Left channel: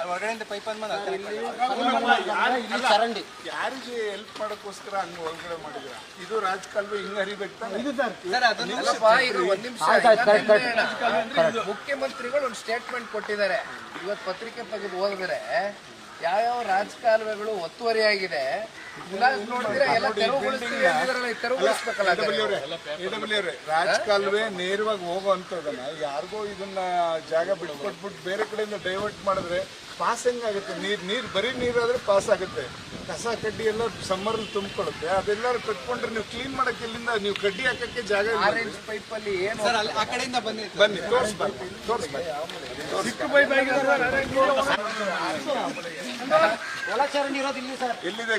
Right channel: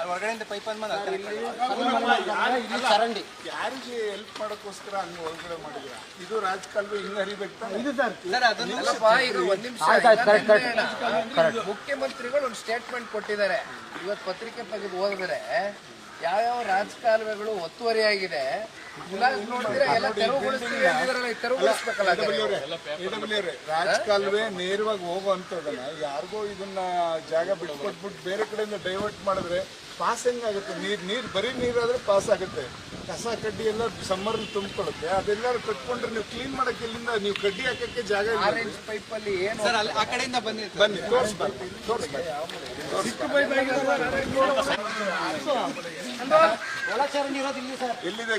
ಹೊರಗಡೆಯಿಂದ ಪೈಪ್ ಇಲ್ಲಿ ಚರಂಡಿ ಯಾರಿಗೆ ಹೆಲ್ಪ್ ಮಾಡೋಕ್ಕೋಸ್ಕರ ಹಂಗ ಹೊರಗಡೆ ಮಾಡಿದ್ರ ಇದು ರಾಜಕಾಲುವೆ ಹಿಂಗ್ ಹರಿಬೇಕು? ಸರ್. ಅದನ್ನಲ್ಲಪ್ಪ ಇದು ಒಂದ್ ನಿಮಿಷ. ಮುಖ್ಯಮಂತ್ರಿಗಳು ಒಂದು ಸ್ಟೇಟ್ಮೆಂಟ್ ಕೊಟ್ಟಿದ್ದಾರೆ. ಇವತ್ತು ಪತ್ರಿಕೆ ತೆಗೆದು ಓದಿದ್ರೆ ಯಾವ್ಯಾವ ರಾಜಕಾಲುವೆಗಳು ಒತ್ತುವರಿಯಾಗಿದೆ. ರಾಜಕಾಲುವೆ ನೇರವಾಗಿ ಹೋಗೋವಂಥದ್ದನ್ನ ಯಾರಿಗೋ ಇದನ್ನ ಜಾಗ ಬಿಟ್ಕೊಟ್ಬಿಟ್ಟು ಬೇರೆ ಕಡೆಯಿಂದ ಡೈವರ್ಟ್ ಮಾಡಿದ್ರೆ ಪಾಸ್ ಹೆಂಗಾಗುತ್ತೆ? ನೀರ್ ನೀರ್ ಬರೀ ನೀರಾದ್ರೆ ಪಾಸ್ ಆಗುತ್ತೆ. ಕಸ ಕಡ್ಡಿ ಎಲ್ಲ ಸಮ್ಮರ್ ತುಂಬಿಕೊಳ್ಳುತ್ತೆ. ಅದೆಲ್ಲರೂ ಕಟ್ಕೊಂಡ್ರೆ ನೀವು ಕ್ಲೀನ್ ಮಾಡಕ್ಕೆ ಇಲ್ಲಿಂದ ನೀವು ಕಡ್ಡಿ ಹಾಕಕ್ಕೆ ಜಾಗ ಇಲ್ಲ. ಆರೆಂಜ್ ಪೈಪ್ ಅಲ್ಲಿ ಏನು ಆ ಕಡೆಯಿಂದ ಬಂದಿತ್ತು ಬನ್ನಿ ತೋರಿಸ್ಬಾರ್ದು ತೋರಿಸ್ಬಾರ್ದು ಚಿಕ್ಕ ಪೈಪ್ ಒಳಚರಂಡಿ ಇರೋದು ಇಲ್ಲಿ ಸರ್ ಎಲ್ಲಿದೆ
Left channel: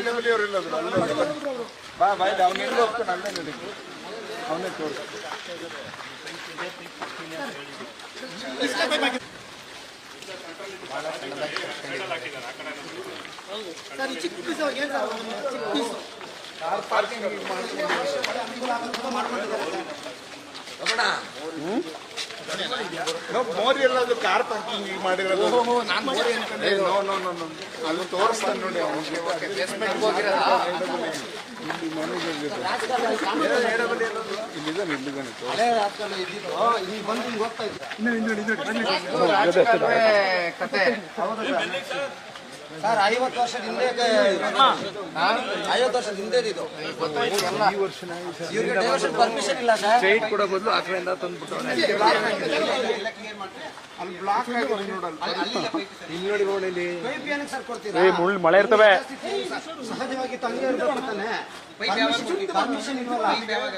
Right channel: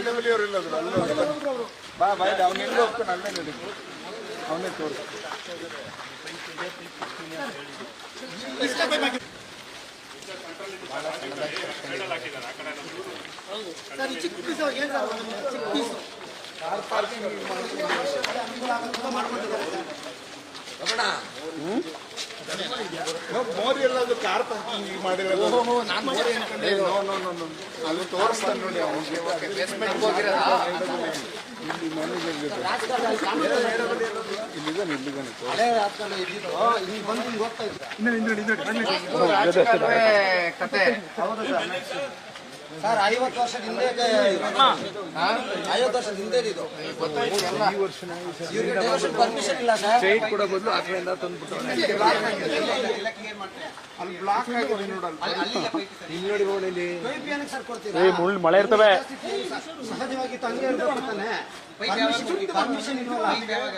ಎಡಬಲಿ ಅವರು ಇಲ್ಲದ್ರು ಅಲ್ಲೇ ಬನ್ನಿ. ಬಾ ಬಾಯ್ ಇಲ್ಲಿ ಅವ್ನು ಎಲ್ಲಿ ಹೋಗ್ತಾನೆ, ಅಲ್ಲೇ ನಡಿ ಅವನೇ ತೋರಿಸ್. ಸರ್ ಚಿಕ್ಕ ಪೀಸ್ ಏನು ಸರ್ ಚಿಕ್ಕ ಪೀಸ್ ಮೋರಿ ಕಾರ್ ಪಾರ್ಕಿಂಗ್ ಮಾಡಿರೋದು. ಏ, ನೋ ನೋ ನೋ ನೋ. ಅಲ್ಲಿ ತೋರಿಸ್ತಾನೆ ನೋಡಿ ಅವನಿಗೆ ಇಲ್ಲಿ ಮ್ಯಾನೇಜರ್ ಇಲ್ಲಿದ್ದಾನೆ ಇಲ್ಲಿದ್ದಾನೆ ಕತೆ. ಸರ್ ಐವತ್ತು ವರ್ಷದ ಹಿಂದೆ ಐವತ್ತು ವರ್ಷದ ಹಿಂದೆ ಇದು. ಇವ್ರಿಗೆ ಡೈವರ್ಷನ್ ಪರ್ಮಿಷನ್ ಇಲ್ಲ ಸರ್. ಕೊಡೋ ಬದಲು ಆ ಕಡೆಯಿಂದ ತಂದ್ಬಿಟ್ಟು ಅಲ್ಲಿ ಬ್ಲಾಕ್ ಆಗಿದೆ. ನೋಡಲ್ಲ. ಪೈಪ್ ಏನಕ್ಕೆ ಸರ್ ಕೊಡ್ತೀರಾ? ಮುಳ್ಳು ಮಳೆ ಇರ್ತವೆ. ಸಹಜವಾಗಿ ತಾನೆ ಪರ್ಮಿಷನ್ ಇಲ್ವಲ್ಲ.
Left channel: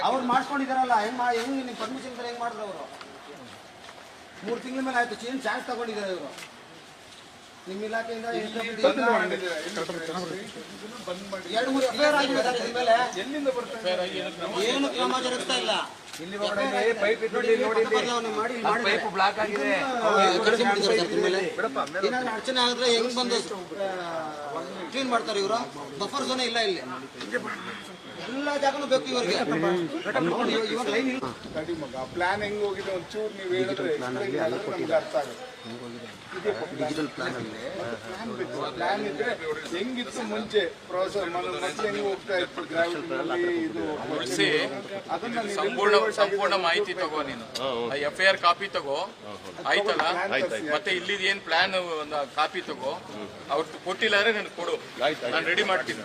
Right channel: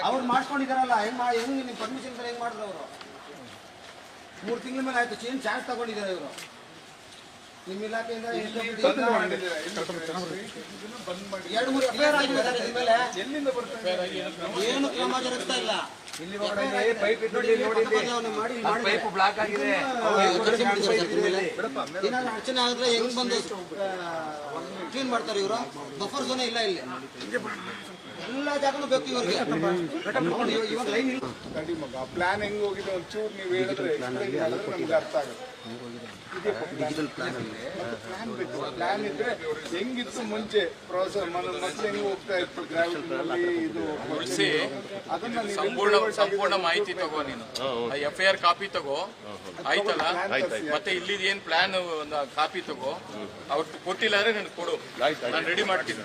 ಅವ್ರು ಮಾಡ್ಕೊಂಡಿದಾರಲ್ಲ ಹೆಂಗ್ ಹೆಂಗ್ ಪರ್ಮಿಷನ್ ಮಾಡಿದ್ರು ಅವರು? ಮೂರು ತಿಂಗಳ ಮೇಲೆ ಆಯ್ತು ಚೇಂಜ್ ಚಾರ್ಜ್ ತಗೊಂಡಿದ್ದಾರೆ ಇವರು. ನಿಮ್ಮ ಇಲಾಖೆಯಿಂದ ಎರಡು ಮೂರು ಎಫ್ಐಆರ್ ಆಗಿದೆ ಸರ್ ಇದ್ರ ಮೇಲೆ ಎಲ್ಲಿಂದ ಬರ್ತಾರೆ ಏನು ಕ್ರಮ ಜರುಗ್ತಾ ಇಲ್ಲ. ಇಲ್ಲಿ ಹೊರಗಡೆ ಪೈಪ್ ಇಟ್ಟು ನೋಡಿ. ಬದಲಾವಣೆ ಮಾಡಿ ಮಾಡಿ ಪೈಪ್ ಬ್ಲಾಕ್ ಆಗಿದೆ. ಏನಾದ್ರು ಅಡಚಣೆ ಆಗಿದ್ರೆ ಹೆಂಗ್ ಬಂದು ಕ್ಲೀನ್ ಮಾಡ್ತಾರೆ ಇವರು? ಬಫರ್ ಝೋನ್ ಇಲ್ಲ ಇಲ್ಲಿ. ಎಲ್ಲ ಜಾಗನೂ ಬೇಕು ಇವ್ರಿಗೆ. ಇವಾಗ ಲೈನ್ ಇಲ್ಲ ಮಗ ಪ್ಲಾನ್ ಹೆಂಗ್ ಹೋಗಿದೆ? ಒಂಚೂರು ನೀವು ಹೇಳಿದ್ರೆ ನಮ್ಗೆ ಅರ್ಥ ಆಗುತ್ತೆ. ಪ್ಲಾನ್ ಇದ್ರೆ ಹೆಂಗಿತ್ತು ಮುಂಚೆ? ಪ್ರೋಸೆಸ್ ಹೆಂಗ್ ಹೋಗ್ತಾ ಇತ್ತು? ಇದು ಅದನ್ನ ಸಂಪೂರ್ಣ ಸಂಪೂರ್ಣ ಮಾಹಿತಿ ತಗೋ ನೀನು. ಎಫ್ ಐ ಆರ್ ಕಾಪಿ ತಗೋ. ಆಯ್ತಲ್ಲ? ಮತ್ತೆ ಇಲ್ಲಿ ಏನ್ ಪ್ಲಾನ್ ಒಂದು ಕಾಪಿ ತಗೋ? ಅವ್ರು ಕೊಟ್ಟಿಲ್ಲ ಅಂದ್ರೆ ನನ್ಗೆ ಕೊಡು. ನಾನು ರೆಡಿ ಮಾಡ್ತೀನಿ.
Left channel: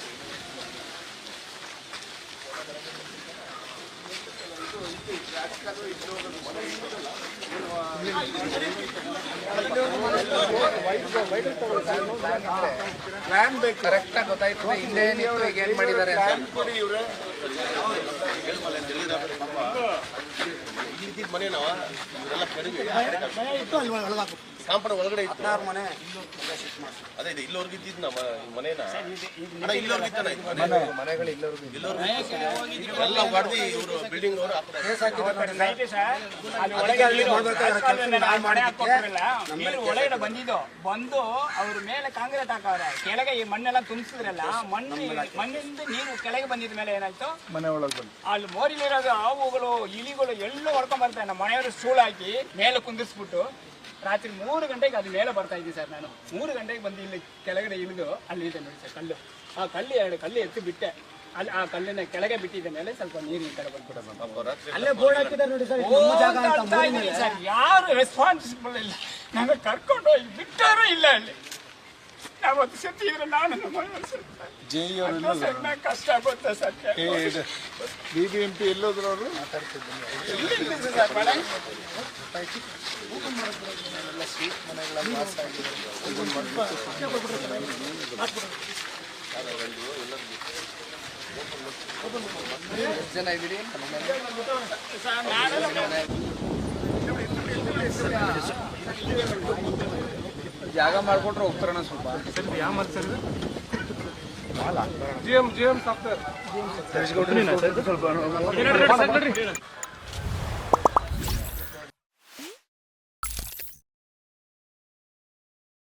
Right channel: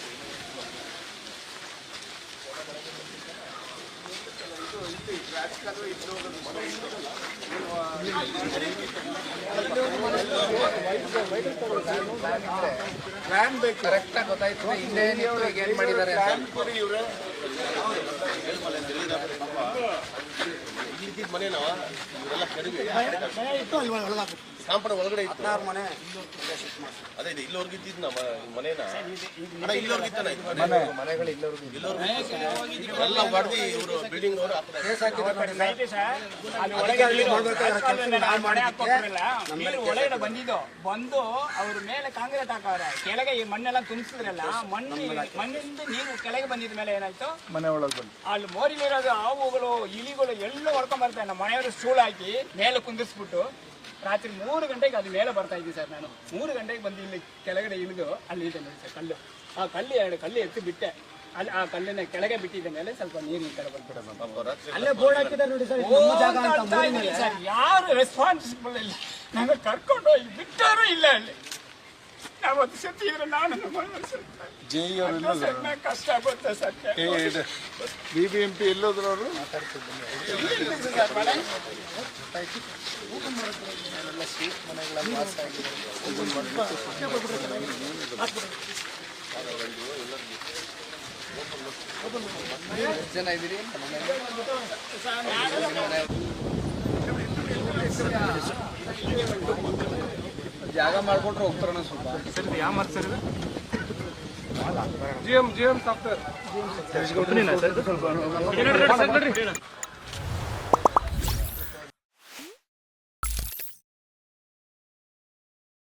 ಪ್ಲಾನ್ ಬೇಕು. ಕರೆಕ್ಟ್ ಆಗಿ ಗೊತ್ತಾಯ್ತು. ಇಲ್ಲೇ ಈಗ ಏನ್ ಮಾಡಿದ್ದಾರೆ ಮನೆ ನಾವು ಕಾಂಪೌಂಡ್ ಒಳಗಡೆ ಇತ್ತು. ಹದಿನಾರು ಮನೆ ಅದೇ ಇದೆ ಇಲ್ಲೋರ್ಗೆ ಇದ್ದಿದ್ದು ನಮ್ಮ ಮನೇನ? ಅಣ್ಣ ಇಲ್ಲೋರ್ಗೆ ಇತ್ತಲ್ಲ ಇದು ಮನೆ? ಮನೆಗಳು ಇಲ್ಲವ್ರಿಗೆ ಇಲ್ಲೋರ್ಗೆ ಇತ್ತು. ಎಲ್ಲ ಹೊಡೆದು ಇವರು ಬಿಲ್ಡಿಂಗ್ ಅವರು ಆ ಕಡೆ. ಕೇಸ್ ಹಾಕಿದ್ದಾರೆ ನೋಡಿ ನೀರು ಒಳಗಡೆ ಬಂದಿದ್ದು ಬಂದು ಅವ್ರ ಮೇಲೆ ಕಾಂಕ್ರೀಟ್ ಹಾಕವ್ರೆ. ಕೆಳಗೆ ಈ ಮಣ್ಣೆಲ್ಲ ತುಂಬಿಸಿದ್ರಲ್ಲ ಮಣ್ಣು ಮಣ್ಣಿಂದ ನೀರು ಕೆಳಗೆ ಬಂದಿದ ಮೇಲೆ ಏನಾಯ್ತು? ಮನೆ ಒಳಗೆ ಬಂದು. ಅಲ್ಲಿ ಮೋರಿಲಿರೋದು ಹಾವುಗಳು ಇಲಿಗಳು ಎಲ್ಲ ಹೊಡ್ಕೊಂಡ್ ಬರ್ತಾರೆ. ನಮ್ಮ ಮನೆಯವರು ಸೂಳು ಹಾಕಿ ಮೇಲೆ ಕುಂದಿಸ್ಬಿಟ್ಟು. ರಾತ್ರಿ ಮೂರು ಗಂಟೆಗೆ ಅದು ಮೇಲೆ ಬರ್ತಾ ಇದ್ದೀನಿ ಸರ್ ನಾನು. ಮೂರು ಗಂಟೆಗೆ ಬಂದು ಇಲ್ಲಿ ಕೆಳಗಡೆ ಇಳಿದು ಅಲ್ಲಿ ಇದೆ ನೋಡಿ ಸರ್ ಕಲ್ಲು. ಆ ಕಲ್ಲು ಎರಡು ಕಲ್ಲು ಎತ್ತಿ ಬಿಟ್ಟೆ. ಅಲ್ಲಿ ಆ ಕಲ್ಲಿನ ಕೆಳಗೆ ಬಿಟ್ಟಿದ್ದ ಮೇಲೆ ಸ್ವಲ್ಪ ನೀರು ಈ ಕಡೆ ಅಲ್ಲೇ ಬೋರ್ಡ್ ಹಾಕಿದ್ದಾರೆ ನೋಡಿ ಸರ್ ಸರ್. ಯಾರು ರೆಸ್ಪಾನ್ಸಿಬಲ್ ಇಲ್ಲ. ನಂಗೆ ಕರ್ಕೊಂಡು ಹೋಗಿ ಬಿಟ್ಟಾರು ಇಲ್ಲ ಅಲ್ಲಿ. ನಾವತ್ತು ಸತ್ತಿದ್ರೆ ನಾನು ಕಷ್ಟ ಆಗುತ್ತೆ ಸರ್. ಬಿ ಬಿ ಸತ್ತು. ಜೆ ಇ ಅವರು ಜಾಗ ಮಾಡ್ಕೊಟ್ರೆ ಹೋಗ್ತಾರಣ ಸ್ವಲ್ಪ. ಯಾವ ಮಾತು sir G M G M software ಸ್ವಲ್ಪ